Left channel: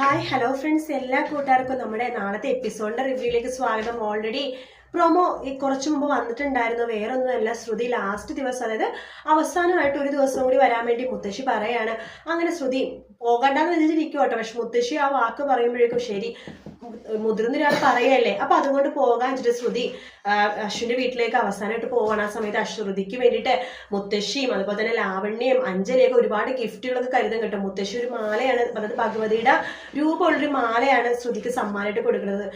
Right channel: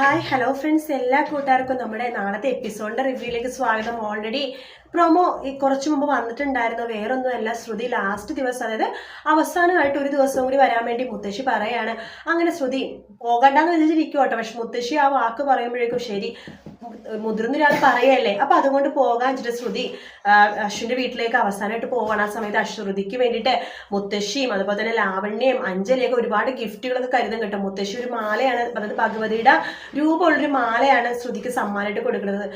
Hi hello friends എല്ലാ കൂട്ടുകാർക്കും നമ്മുടെ നാളത്തെ എപ്പിസോഡിന്റെ റിവ്യൂയിലേക്ക് സ്വാഗതം. ഓൾറെഡി പ്രൊമോ ഈ കുറച്ചു മുമ്പ് വന്നിട്ടുണ്ടായിരുന്നു. വേറൊന്നുമല്ല ശ്രുതി ലാസ്റ്റ് ദിവസം അതായത് അവസാനമായിട്ട് ഒരു ദിവസം കൂടി വരാൻ വേണ്ടി മുത്തശ്ശി പറയാണ്. അങ്ങനെ ശ്രുതി പോകണ്ടെന്ന് വിചാരിച്ചിരിക്കും കേട്ടോ. പക്ഷെ മുത്തശ്ശി ആ വാക്ക് പറയുമ്പോഴേക്കും ശരി മുതിർന്ന ഒരാൾ പറയല്ലേ? അപ്പൊ അതുകൊണ്ട് പോകാൻ വെച്ചിട്ട് ശ്രുതി അശ്വിന്റെ വീട്ടിലേക്ക് അവസാനമായിട്ട് പോവാണ്. ആ സമയത്ത് അശ്രുതിക്ക് വേണ്ടിയിട്ട് മുത്തശ്ശിയും അതുപോലെ തന്നെ ലാവണ്യയും അഞ്ജലിയൊക്കെ ഒരുപാട് ഗിഫ്റ്റുകളൊക്കെ കരുതും കിട്ടും. മുത്തശ്ശി ഒരു മാലയാണ് അതായത് ഭഗവതിയുടെ രൂപമുള്ളൊരു മാലയാണ് ശ്രുതിക്ക് സമ്മാനമായിട്ട് കൊടുക്കുന്നത്.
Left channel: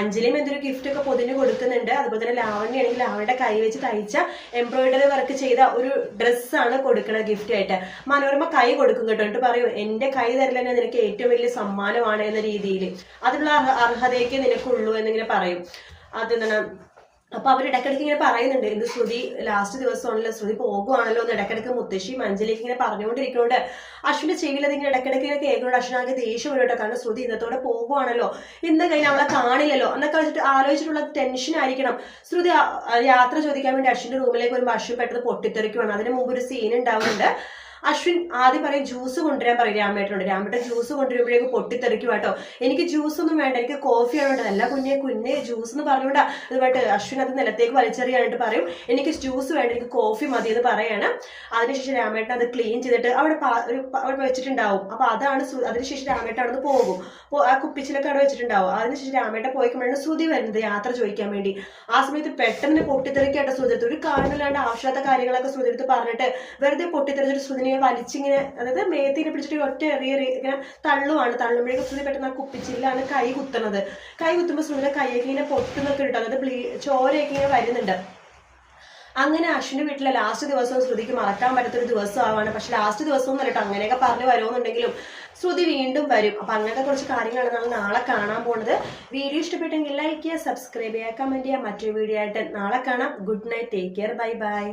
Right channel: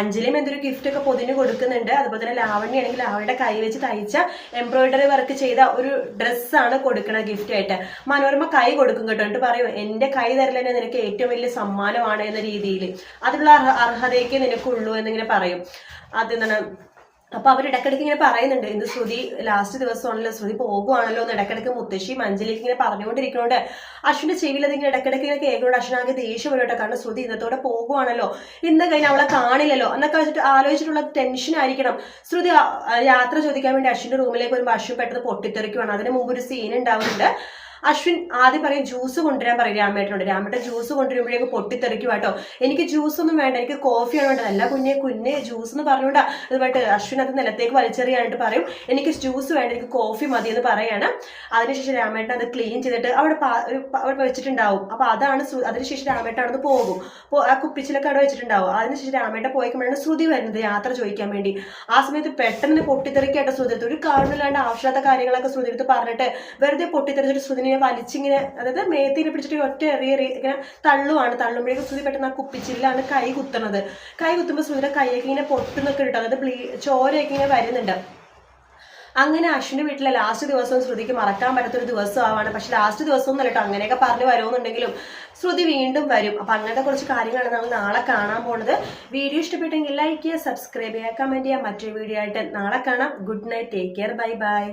അഞ്ജലിയും എന്തൊരു ഗിഫ്റ്റ് ഒക്കെ പൊതിഞ്ഞ് കൊടുക്കുന്നുണ്ട്. അതുപോലെ തന്നെ ലാവണ്യ ആണെങ്കിൽ അവളുടെ കൈ വെച്ച് തയ്ച്ച എംബ്രോയിഡറി വർക്ക് ചെയ്ത ഒരു ഡ്രസ്സാണ് കൊടുക്കുന്നത് ഗിഫ്റ്റ് ആയിട്ട്. മനോരമ കൈ കൊടുക്കും കേട്ടോ. എന്നിട്ട് പറയും എന്റെ കൈ തരലെന്നെ നിനക്ക് ഏറ്റവും വലിയ സമ്മാനമാണ് എന്ന രീതിയിൽ അതിനുള്ള അർഹതയൊക്കെ നിനക്കുള്ളൂ എന്നിങ്ങനെ പറയും. അത് എന്താണ് അപ്പൊ അവർ ഇടക്കിടക്ക് ഇങ്ങനെ പറയുന്നുണ്ട്. ഇന്ന് ശ്രുതി ലാസ്റ്റ് ദിവസമാണല്ലോ ശ്രുതി പോകുവാണല്ലോ എന്ന് ഇടക്കിടക്ക് മുത്തശ്ശി മഞ്ജലിക്ക് ഇങ്ങനെ പറഞ്ഞുകൊണ്ടിരിക്കുന്നുണ്ട്. അശ്വിന്റെ ചെവിയിൽ അതിങ്ങനെ ഇടയ്ക്കിടയ്ക്ക് ഇങ്ങനെ കേൾക്കുന്നുണ്ട്. അശ്വിനാകെ ദേഷ്യം വരും കേട്ടോ. കാരണം ശ്രുതി ഇന്നത്തോടെ പോകുവാണല്ലോ. ഇന്ന് കഴിഞ്ഞ് അവളെ കാണില്ലല്ലോ. എന്നൊക്കെ വെച്ചിട്ട് ആലോചിച്ചിട്ടുള്ള ടെൻഷൻ ആയിരിക്കണം. ശ്രുതി യാത്ര ചോദിക്കാൻ വേണ്ടി അശ്വിന്റെ റൂമിലേക്ക് വരുമ്പോൾ അശ്വിൻ പെട്ടെന്ന് പൊട്ടിത്തെറിക്കുവാണ്. അതിന് മുമ്പ് ഒരു സീൻ ഉണ്ടാവുന്നുണ്ട്. അശ്വിൻ ആദ്യം പറയും ജ്യൂസ് കൊണ്ടുവരാൻ പറയും രാമേട്ടനോട്. രാമേട്ടൻ ജ്യൂസ് കൊണ്ടുവരുമ്പോഴേക്ക് പൊട്ടിത്തെറിക്കും കേട്ടോ. എനിക്ക് ജ്യൂസ് ഒന്നും വേണ്ട എനിക്ക് കോഫിയാണ് വേണ്ടത്. അല്ല കുഞ്ഞെ കുഞ്ഞെ ജ്യൂസ് എന്ന് പറഞ്ഞുകൊണ്ടാ. അതുമായിട്ട് അശ്വിൻ അത് നിലത്തേക്ക് വലിച്ചെറിയാനായിട്ട് പറയും. എനിക്ക് ജ്യൂസ് വേണ്ട എനിക്ക് കോഫി മതി എന്ന് പറയാണ്. അതിനുശേഷം രാമേട്ടൻ അത് ക്ലീൻ ചെയ്തിട്ട് അവിടെ അവിടെ വെച്ചിട്ടുണ്ടാവും. അപ്പൊ അതാണ് അതിനുശേഷം രാമേട്ടൻ അവിടെ പോകും. ആ കുപ്പിച്ചിലൊക്കെ അവിടെ വെച്ചിട്ടുണ്ടാവും. അതിനുശേഷം രാമേട്ടൻ പോയിക്കുമ്പോഴാണ് ശ്രുതി വരുന്നത് യാത്ര ചോദിക്കാൻ വേണ്ടി. ആ സമയത്ത് പെട്ടെന്ന് പൊട്ടിത്തെറിക്കായിട്ട് ശ്രുതി ഒരു കാരണമില്ലാണ്ട് ആവശ്യമില്ലാത്ത കാര്യങ്ങളൊക്കെ ശ്രുതിത്ത് പറഞ്ഞിട്ട് വെറുതെ പൊട്ടിത്തെറിച്ചിട്ട് ശ്രുതിനെ വലിച്ചിങ്ങനെ അതായത് മേത്തിനെ പിടിച്ചിട്ട് ഒറ്റ എറിയ ഇങ്ങനെ തള്ളുവാണ്. തള്ളുമ്പോഴേക്കും ശ്രുതി പെട്ടെന്ന് ആ കുപ്പിച്ചില്ലാണ് കൈ കുത്തണത്. കൈ കുത്തുമ്പോൾ ശ്രുതിയുടെ കൈയൊക്കെ ഇങ്ങനെ പൊട്ടുന്നൊക്കെ കിട്ടും അതായത് ബ്ലീ ചോരയൊക്കെ ഇങ്ങനെ വരുന്നുണ്ട്. അങ്ങനെ അശ്വിന്റെ വീട്ടിലെ ലാസ്റ്റ് ദിവസവും ശ്രുതിക്ക് മറക്കാൻ പറ്റാത്തൊരു ദിവസമാണ് പക്ഷെ ലാസ്റ്റ് ദിവസം ഒന്നും കേട്ടോ അങ്ങനെയൊക്കെ പറഞ്ഞ് വരുമെന്നുണ്ടെങ്കിലും ശ്രുതി വീണ്ടും വരും. അപ്പം അങ്ങനത്തെ കുറച്ച് കാര്യങ്ങളാണ് നമ്മൾ നാളെ കാണാൻ പോണത്. വീഡിയോ ഇഷ്ടപ്പെട്ടെങ്കിൽ ലൈക്ക് ചെയ്യുക സബ്സ്ക്രൈബ് ചെയ്യുക കമന്റ് ചെയ്യുക. മറ്റൊരു വീഡിയോ ആയിട്ട് നാളെ കാണാം. Good night take care bye bye